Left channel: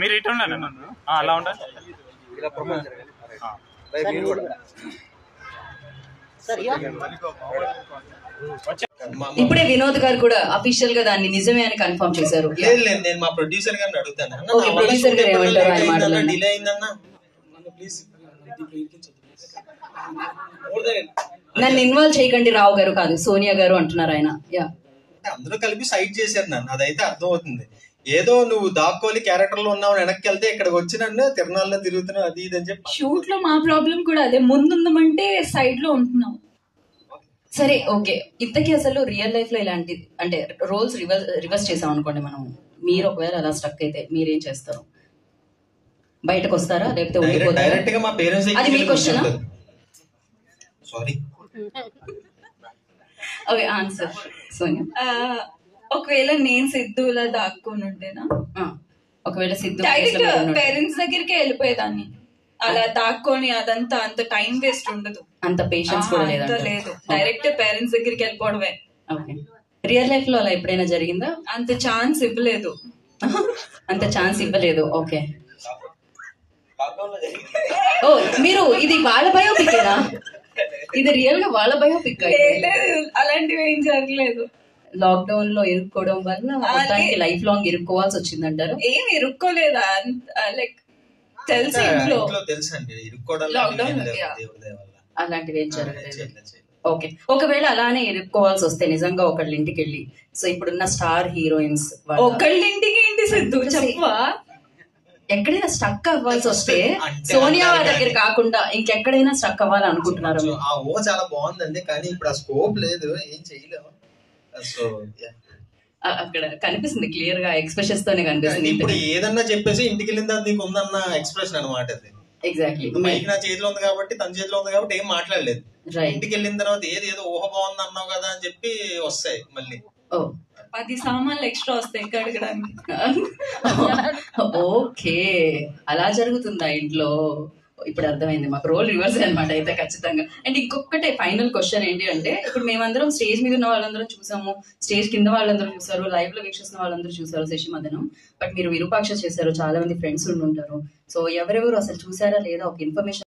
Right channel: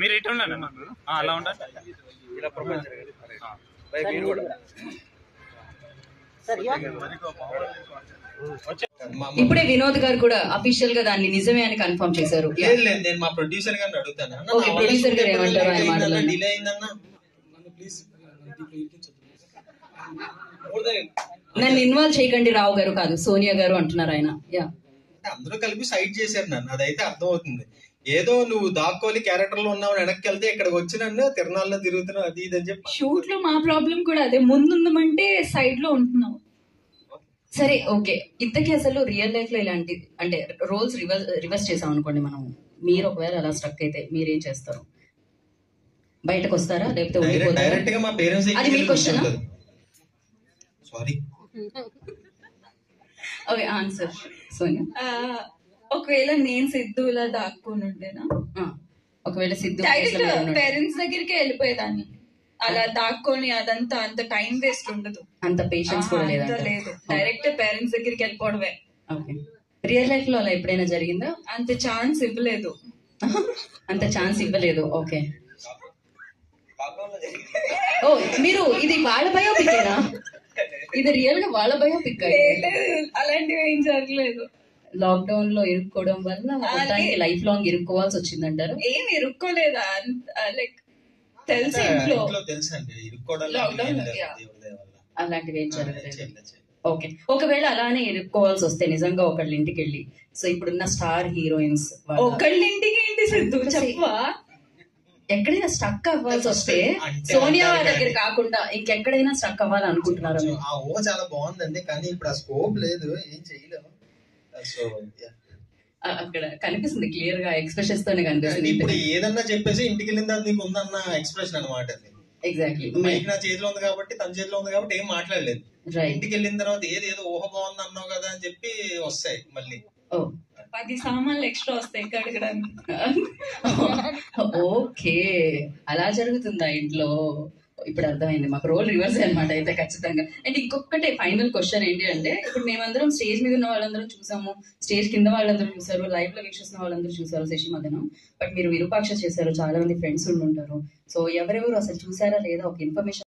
మీరు ఇటంలో అలా ఉంటా ఇప్పుడే వినోద్ గారు కూడా అఫీషియల్ గా దాన్ని నిజమే అని కన్ఫర్మ్ చేశారు. నేను మా ప్రొడ్యూసర్ గారిని అడుగుతాను. ప్రొడ్యూసర్ గారు ఏమంటారు ఆయన మాటలు? డిలే అయిందన్న, నన్ను ఇన్వాల్వ్ చేయకండి రావు గారు, కాదు సోనియా గారు అంటున్నారు ఆయన. అందరూ కలిపి సైడ్ చేశారు నన్ను, అదైతే అర్థమవుతుంది. ఏదో నువ్వు దాక్కోలి క్యారెక్టర్ లో ఉన్నావు, వెనక్కి వెళ్తే ఇక్కడికి వచ్చి నన్ను తిరణాల్లో తిరుగుతున్నావు అది ఇది అని చెప్పి. షూట్ లో మా ప్రాబ్లం కూడా అదే, ముందుందమంటే సైడ్ లో ఉంటున్నావు. సరే ఓకే, ఇంతకీ అసలు రియల్ లైఫ్ లో ఇలాంటి అంటే రోల్స్ రివర్స్ చేసాం అనుకోండి మనం, మీరు ఒకవేళ అలా స్ట్రక్ అయితే మీరేం చేస్తారు? బయటకు వస్తారా లేకపోతే ఉండిపోతారా? డైరెక్ట్ గా మా పేరెంట్స్ అది మీ question. Sorry okay answer Sonia. ఒకవేళ నేను సిద్ధులా దాక్కొని ఉండేనా, ఒకవేళ సిద్ధు డైరెక్ట్ పేరెంట్స్ దగ్గరికి వెళ్ళిపోయేదాన్ని. అలా దాక్కొని అదంతా అంత టైం వేస్ట్ ఉండదు, అంత పేషెన్స్ కూడా లేదు. డైరెక్ట్ పేరెంట్స్ దగ్గరికి వెళ్ళిపోవడమే. ఓకే, రియల్ లైఫ్ లో అలా ఎప్పుడైనా జరిగిందా? అంత ఛాన్స్ ఇవ్వలేదు. అంత ఛాన్స్ ఇవ్వలేదు. ఓకే, ఓ మీరు ఇది వాళ్ళ బయోపిక్నా? ఇది రియల్ గా వాళ్ళ బయోపిక్? అలాంటివి ఏం జరగలేదు. లాక్డౌన్ లో ఇరుక్కోవడం వల్ల దానికి లైఫ్ లాంగ్ ఇరుక్కోవాల్సి వచ్చిందంటారు? ఏం ఇరుక్కోలేదా, లైక్ తెలుసు ఇంట్లో తెలుసండి, అలాంటివి ఏం జరగలేదు. ఓకే, ఒకవేళ అలానే ఇరుక్కోవాల్సి వస్తే నిజంగా ఒకళ్ళ ఇంటికి వెళ్ళి, సో ఇప్పుడున్న స్టార్ హీరోయిన్స్ ఒకళ్ళ ఇంటికి ఏంటి సిద్ధు చెప్పవా? ఎక్కడైనా స్టక్ అవ్వాల్సి వస్తే సోనియా వాళ్ళ దగ్గర కాకుండా ఇంకెక్కడైనా స్టక్ అవ్వాలి అనుకుంటున్నారు? ఆ ఊహ చాలా బాగుందండి, కానీ ఇప్పుడు ఆ స్కోప్ లేదు, ఏం చేయలేము. అక్కడ కనిపిస్తుంది క్లియర్ గా, ఎక్స్ప్రెషన్స్ తోనే కనిపిస్తుంది. ఇప్పుడు ఏదన్నా చెప్పేసి ఇంటికి వెళ్ళిన తర్వాత నీకు ఉందన్న ఎక్స్ప్రెషన్ అనమాట అది. ఎగ్జాక్ట్లీ, నా చేతిలో ఉంది కాబట్టి, తన చేతిలో ఉంది కాబట్టి ఏం మాట్లాడలేదు. ఇంటికి వెళ్ళిన తర్వాత ఏదో ఊహ బాగుంది అన్నావు కదా అని చెప్పి వస్తాయి మళ్ళీ. 10 సామాన్లు ఎక్స్ట్రా వస్తాయి కడగడానికి. ఓకే, అలా జరుగుతుందా ఇంట్లో? ఇప్పుడు అర్థమైంది, మాకు రోల్ రివర్స్ అనమాట అయితే ఖచ్చితంగా. అండ్ ఇంకొకటే ఫైనల్ క్వశ్చన్ ఏంటి అంటే, ఇప్పుడు మేమందరం స్టేజ్ మీద ఉన్న వాళ్ళందరం చూసాము, స్టేజ్ కింద వాళ్ళందరూ చూసారు, లైవ్ లో వీక్షిస్తున్న వాళ్ళందరూ చూసారు శశిమదనం. బట్ మీరు విరూపాక్ష చేశారు, చాలా మంది ఫ్రెండ్స్ ఉంటుంటారు. సో ఎవరెవరు అసలు చూసారా లేదా ఒక ఇన్ఫర్మేషన్